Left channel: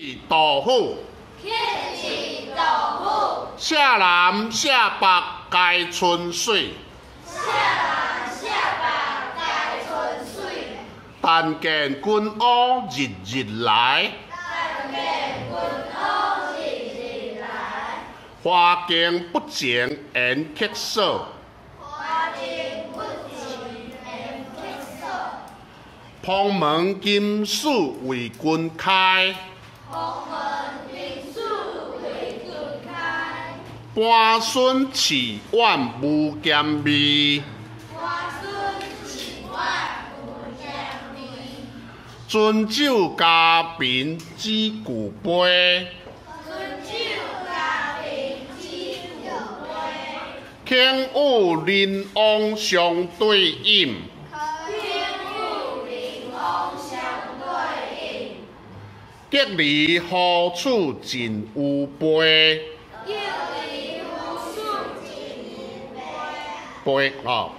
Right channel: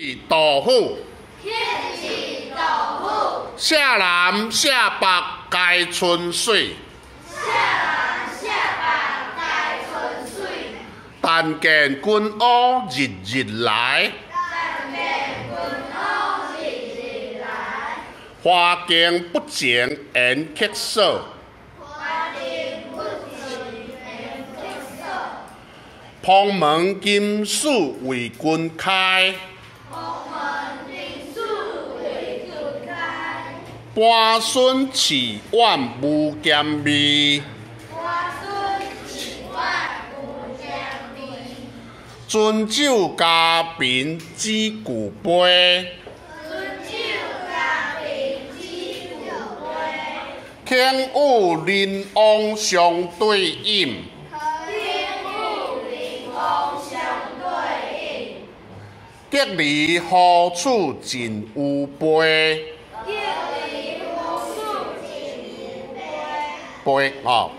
杜甫，天气杜甫，舍南舍北皆春水，舍南舍北皆春水。但见君乌日日来，但见君乌日日来。花径不前缘客少，花径不前缘客少。蓬门今始为君开，蓬门今始为君开。半孙饲碗无咸味，半孙饲碗无咸味。樽酒家贫知旧杯，樽酒家贫知旧杯。轻舞临王相对饮，轻舞临王相对饮。结离何处尽有杯？结离何处尽有杯？杯啊。